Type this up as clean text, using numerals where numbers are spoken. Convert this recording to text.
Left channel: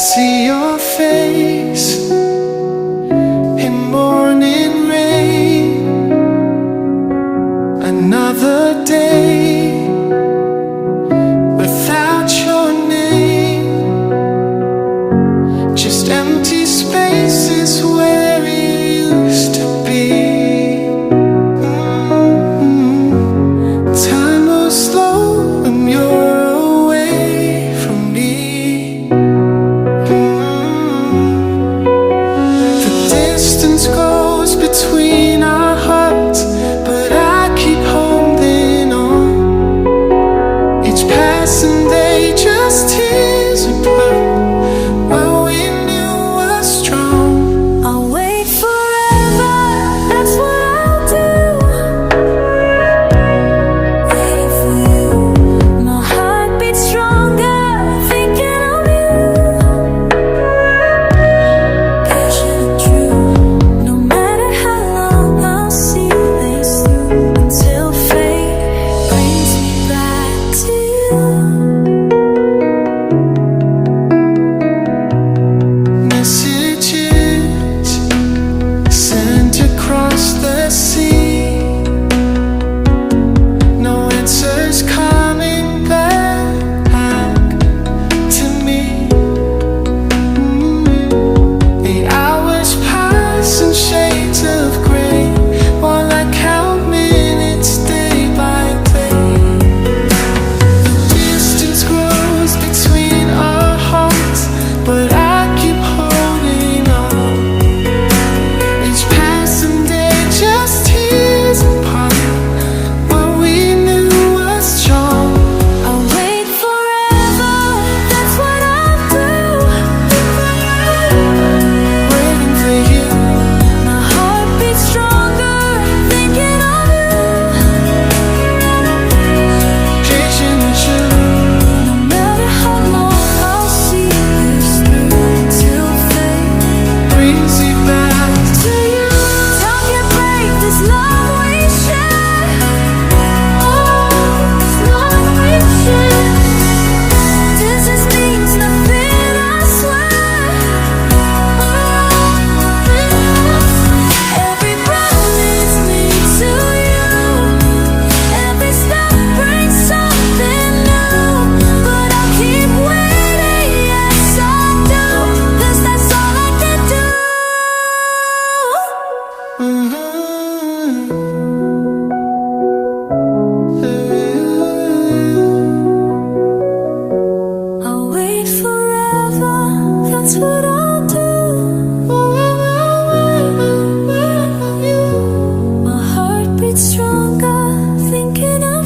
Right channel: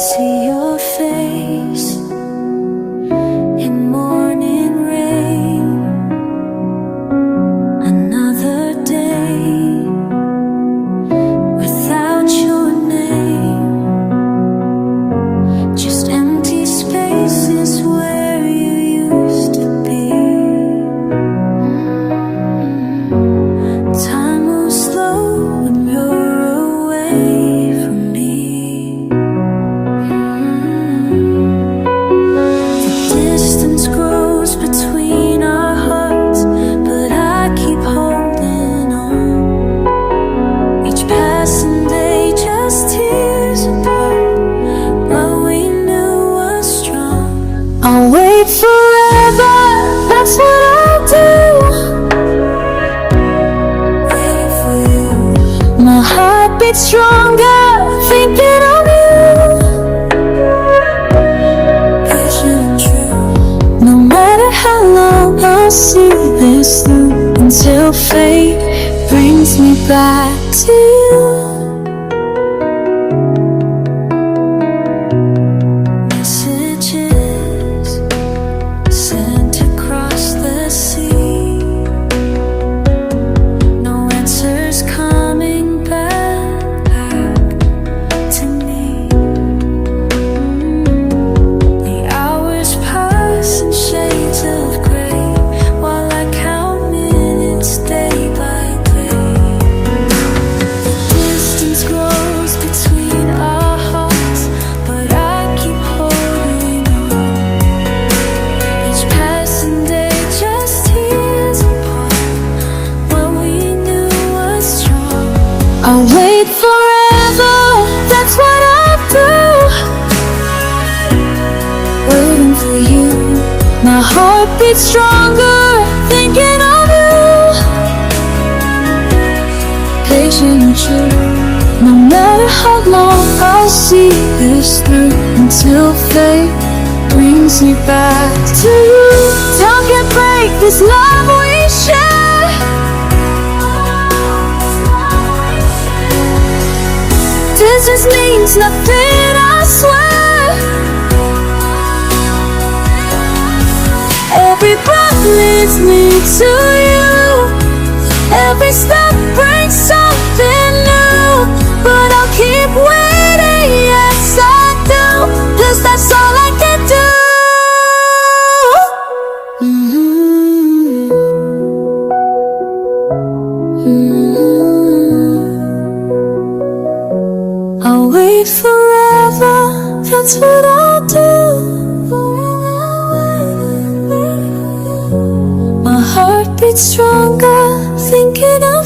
see your face in morning rain. Another day without your name, just empty spaces where you used to be. Time moves slow when you're away from me. The distance grows between our hearts, but I keep holding on. Each passing day just tears apart what we knew was strong. I'll wait forever, that's what I'll do. Waiting for you. My heart beats stronger, thinking of you. Patient and true. No matter how long, I'll see this through until fate brings me back to you. Messages sent across the sea, no answers coming back to me. The hours pass in shades of gray while I count minutes day by day. The distance grows between our hearts, but I keep holding on. Each passing day just tears apart what we knew was strong. I'll wait forever, that's what I'll do. Waiting for you. My heart beats stronger, thinking of you. Patient and true. No matter how long, I'll see this through until fate brings me back to you. Time can break this love we share. Distance means nothing, I swear. Every breath leads me to you. Every step brings something new. But I'll keep waiting, yes I do, 'cause that's all I can do. I'll wait forever, that's what I'll do. My heart beats stronger, thinking of